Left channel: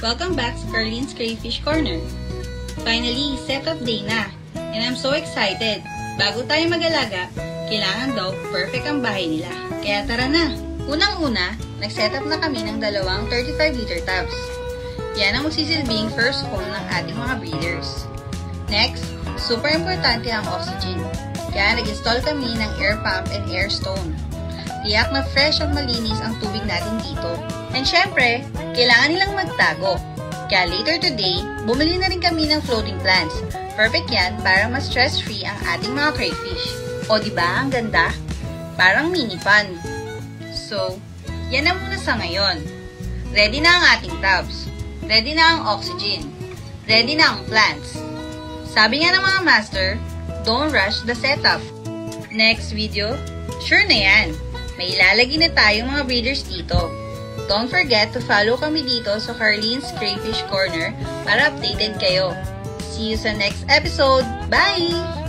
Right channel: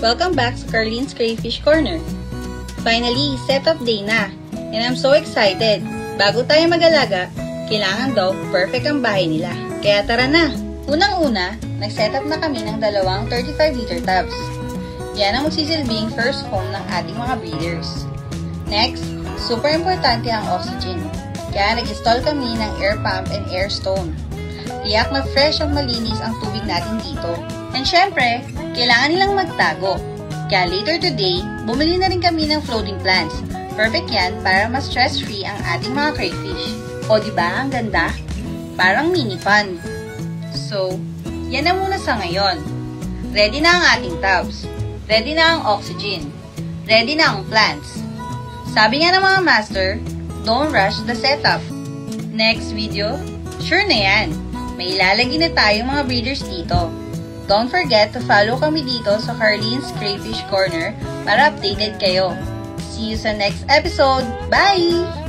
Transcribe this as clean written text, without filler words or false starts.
Welcome back sa Carlene's Crayfish Corner. Finally, setup day na, and I'm so excited. Bago tayo mag-alaga, kailangan daw perfect ang bahay nila. Kaya tara na! Unang-una, nag-setup na kami ng dalawang 35-liter tubs. Yan ang magsisilbing first home ng ating mga breeders. Next, super importante ang oxygen. Kaya nag-install kami ng air pump and air stone. Tiyak na fresh at malinis ang tubig natin dito. And syempre, kailangan nilang magtago. Kaya later today, bumili na rin kami ng floating plants. Perfect yan para mas stress-free ang ating mga crayfish. O diba, ang ganda? Parang mini pond. So, yan na muna sa ngayon. Ready na ang ating tubs. Ready na ang oxygen. Ready na ang plants. Sabi nga ng mga master, don't rush the setup. Next video, sure na yan. May ilalagay na tayong mga breeders dito. Don't forget to follow kami dito sa Carlene's Crayfish Corner para updated kayo. See you sa next episode. Bye!